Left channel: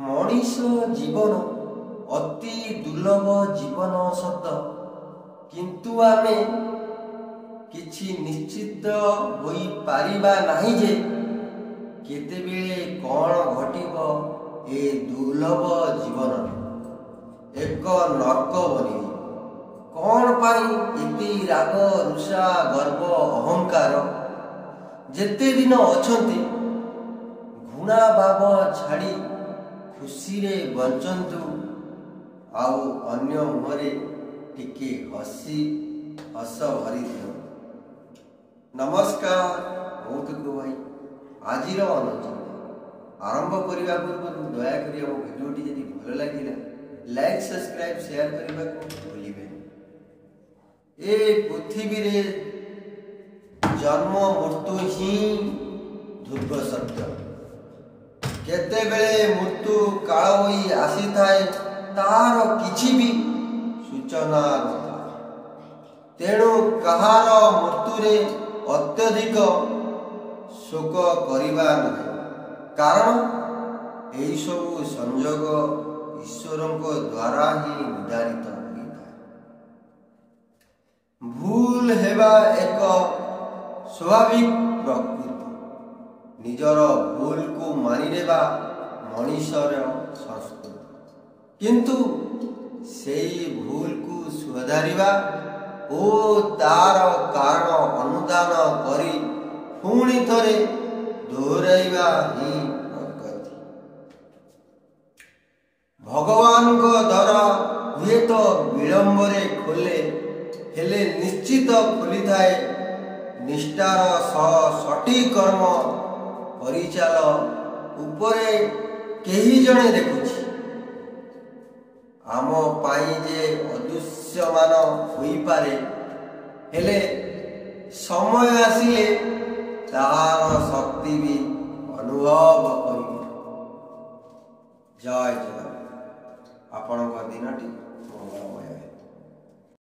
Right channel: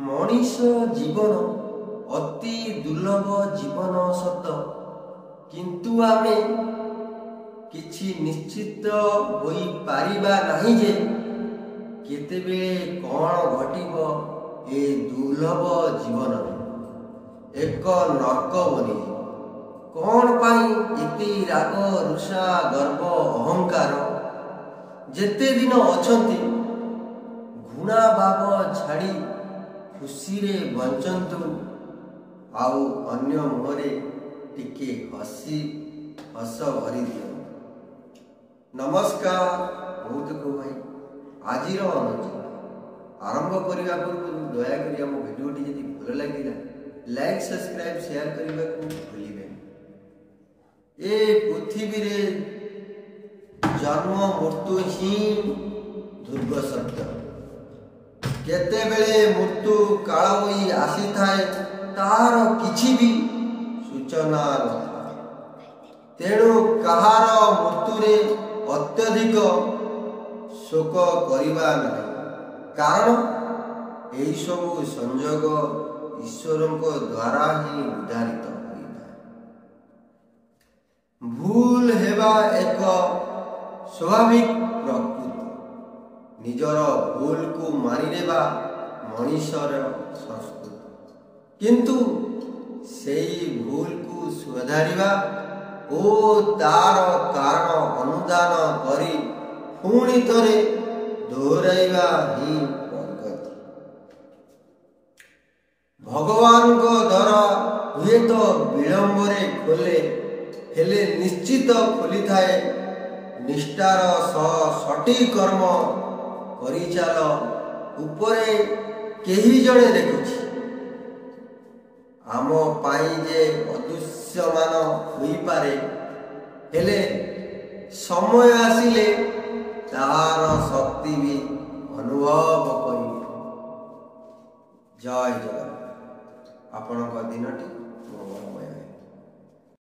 मनीष जीवन अति दुर्लभ जीवन सत किंतु आमे किछि निश्चित होई पारिबा नहीं जे केतेबेले कौन घटिबो ए दुर्लभ जीवन एक नर्क बनिजी कौन पाई एते राग रुषा गर्व अहंकार जेते दिन अछंती घृणा भाव छाड़ी खुशी रे बंचंतु आउ अन्य मुहरे टिके हस भरी दियो। नमस्कार बहुतको भाई आजिर अनुचिंता आरंभ करने पूर्व दयाकोरी आम भिडियोटी जदि भल लगे लाइक सब्सक्राइब शेयर करने को भूलिबे। ए पृथ्वी रे जन्म मृत्यु ही ध्रुव सत्य केते बेले मृत्यु काल होई आसी थाए तार किछि भी सूचना नथा तेणु कहार मृत्यु रे अत्यधिक शोक करिबा नहीं कारण एई सब संयोग ईश्वरंको द्वारा ही निर्धारित होइଥାଏ। भूल हेबा एक स्वाभाविक प्रकृति निजर भूल को मानिनेबा मनीषर संस्कृति किंतु सेई भूल को सुधारिबा ओ तार कारण अनुदान करी पुणी थरे दोहराइबा ही प्रगति। भगवान को दर हुए तो विलंबरे खोले हेले निश्चित खोली थाए निष्ठार सठिक कर्म परिचाल उपरे केही जणे देखुछि आम पाई जे अदृश्यमान होई पारे हेले समय आसिले तार शक्ति भी अनुभव करिबे। जय जगन्नाथ आपणक दिनटी मंगलमय।